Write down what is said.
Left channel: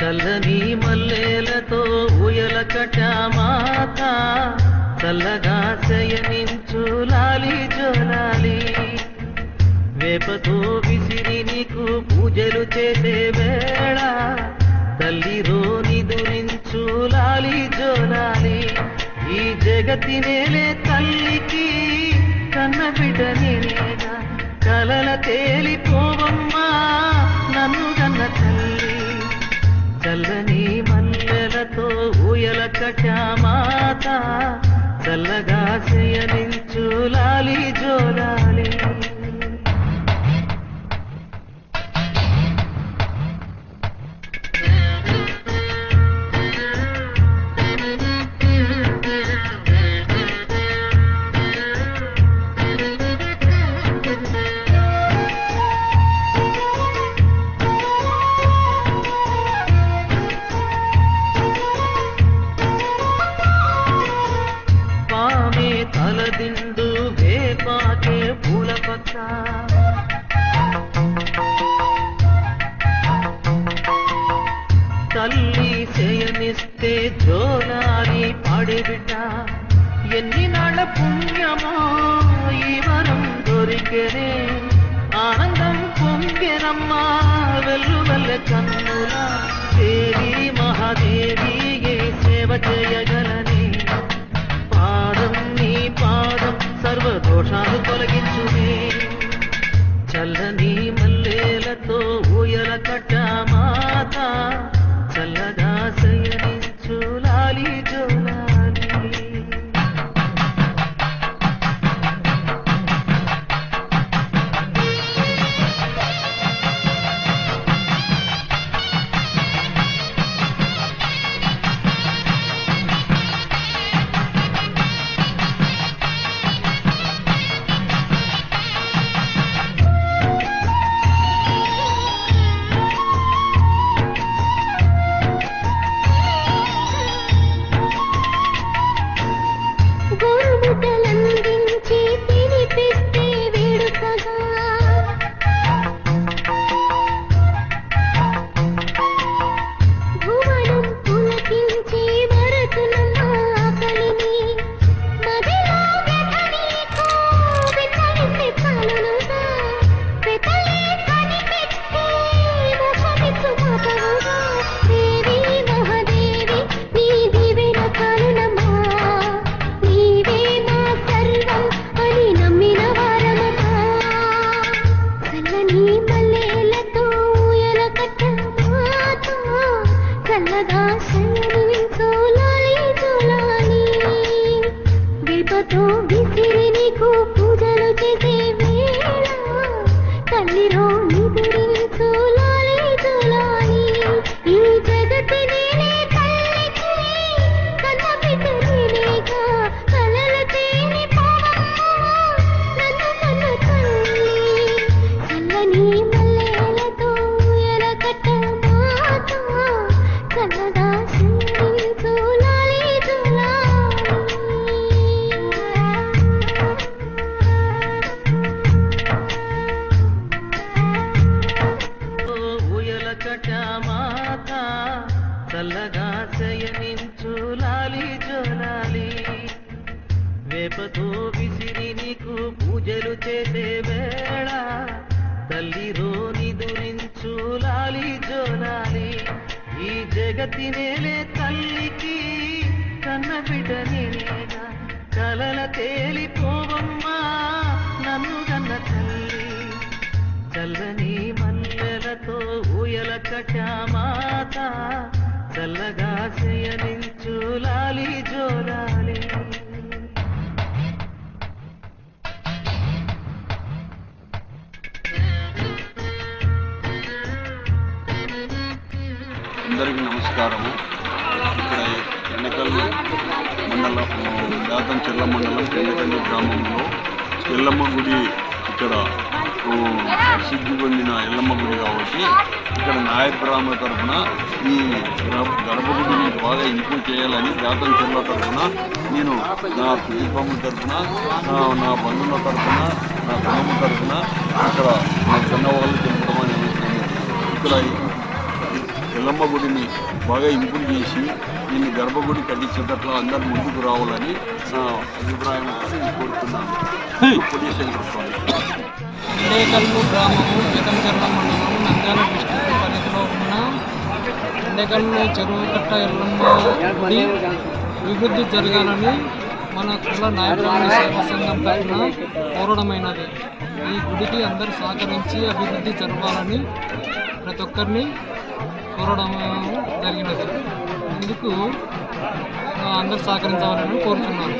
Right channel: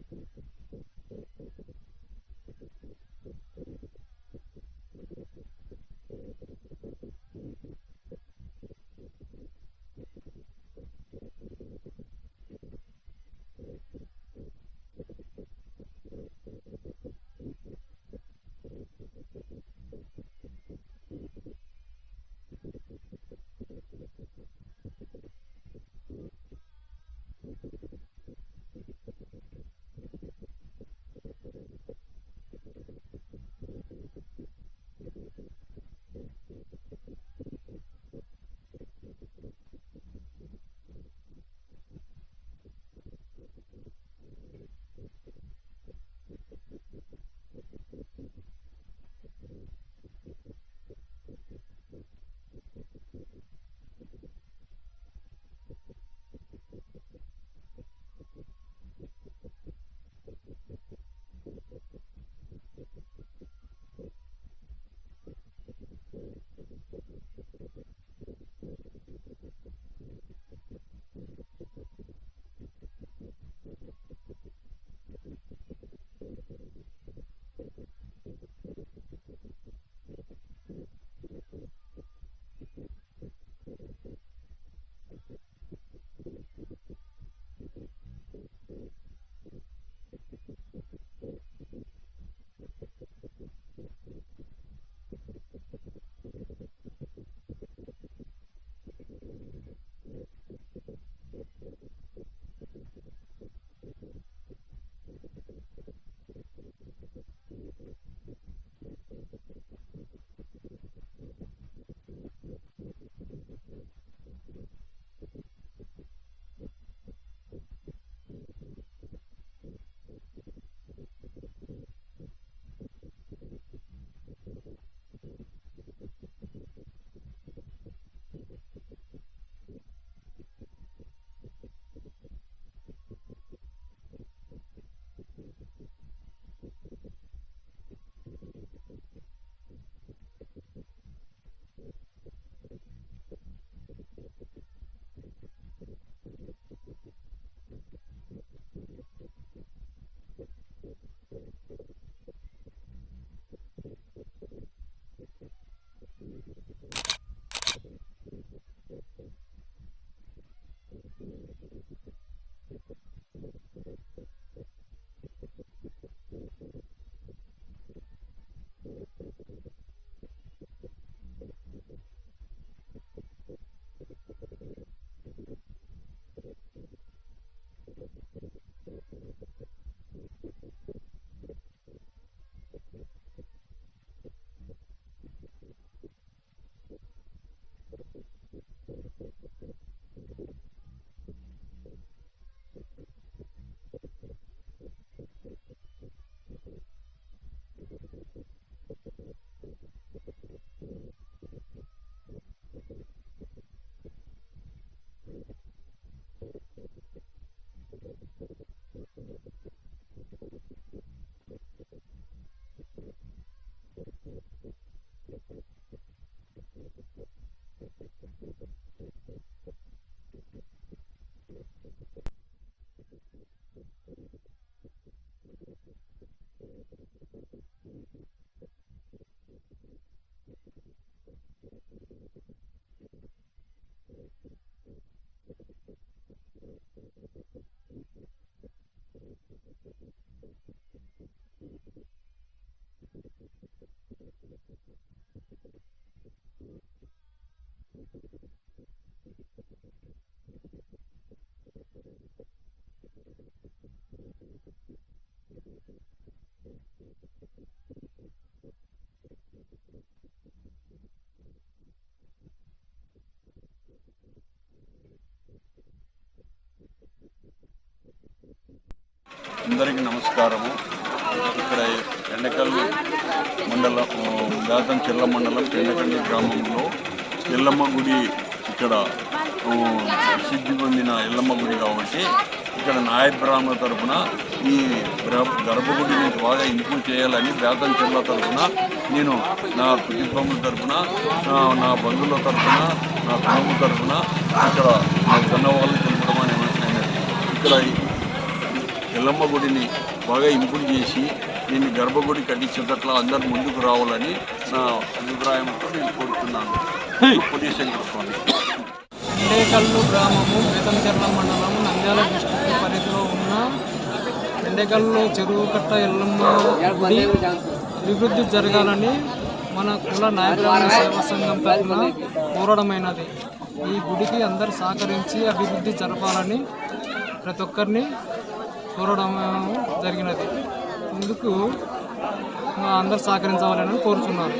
చల్లని మల్లెలతో ఊయల కట్టామాత చల్లగా శయనించు లాలి జోలాలి వేపతో విసిరి నీకు పూజలు చేసే వేళ తల్లిరో నిదురించు లాలి జోలాలి ఈ జగతి నేలే తల్లికి కన్న బిడ్డ నేనేగా కలల తేలిపోవమ్మా నన్ను కన్న తల్లి చల్లని మల్లెలతో ఊయల కట్టామాత చల్లగా శయనించు లాలి జోలాలి తలదిండు వేపాకే పూల పక్క తల్లి శయనిస్తే జోలాలి పాడిబిడ్డ ఎన్ని నాళ్ళ పుణ్యమో ఈ వరం దొరికెనే ఆనందం పొంగెనమ్మా వెల్లువల్ల కన్నుల దేవి మహాదేవి ఏ సేవ చేయగలని పాదం సర్వదోషాలు తొలగించునే చల్లని మల్లెలతో ఊయల కట్టామాత చల్లగా శయనించు లాలి జోలాలి వేపతో విసిరి నీకు పూజలు చేసే వేళ తల్లిరో నిదురించు లాలి జోలాలి ఈ జగతి నేనే తల్లికి కన్న బిడ్డ నేనేగా కలల తేని పోవమ్మా నన్ను కన్న తల్లి చల్లని మల్లెలతో ఊయల కట్టామాత చల్లగా శయనించు లాలి జోలాలి ఊయల కట్టామాత చల్లగా శయనించు లాలి జోలాలి వేపతో విసిరి నీకు పూజలు చేసే వేళ తల్లిరో నిదురించు లాలి జోలాలి ఈ జగతి నేలే తల్లికి కన్న బిడ్డ నేనేగా కలల తేలిపోవమ్మా నన్ను కన్న తల్లి చల్లని మల్లెలతో ఊయల కట్టామాత చల్లగా శయనించు లాలి జోలాలి అందరికీ నమస్కారము. ఇక్కడ ఎండకల్ మండలం బేతంచెర్ల మండలం ఎండకల్లి గ్రామంలో ఎల్లమ్మ గుడి ఇక్కడ సిద్ధి పొందిన ఎల్లమ్మ గుడి కాబట్టి ఇక్కడ నాయ బ్రాహ్మణ తరఫున ఈ గర్భగుడిని బాగా ఇంప్రూవ్ చేయాలని బేతంచెర్ల తరఫున నేను నా కుటుంబం తరఫున నా బంధువుల తరఫున నా కుటుంబం తరఫున ఇక్కడ నాకు ధన్యవాదాలు తెలుపడం అనేది ఇక్కడ ఎల్లమ్మ గుడిని బాగా ఇంప్రూవ్ చేసి దీన్ని గర్భగుడి కట్టించేటట్లా అందరు ముందుకు రావాలని నా అభిప్రాయంతో నేను కోరుతున్నాను. పుణ్యశంకర స్వామి. ఎండేకల్లు గ్రామము బేతంచెర్ల మండలం నంద్యాల డిస్టిక్ పరిధిలో ఉన్న ఎండేకల్లు చెరువు కట్ట ఎల్లమ్మ గుడి అభివృద్ధి జరగాలని మన కుల న్యాయబ్రాహ్మణ సేవా సంఘం తరఫున కోరడమైనది. ఈ గుడికి అందరు సహకరించి అభివృద్ధి జరపాలని ప్రతి ఒక్కరిని కోరడం జరిగినది. ఇందుకు అందరు సహకరించవాలని కోరుచున్నాను.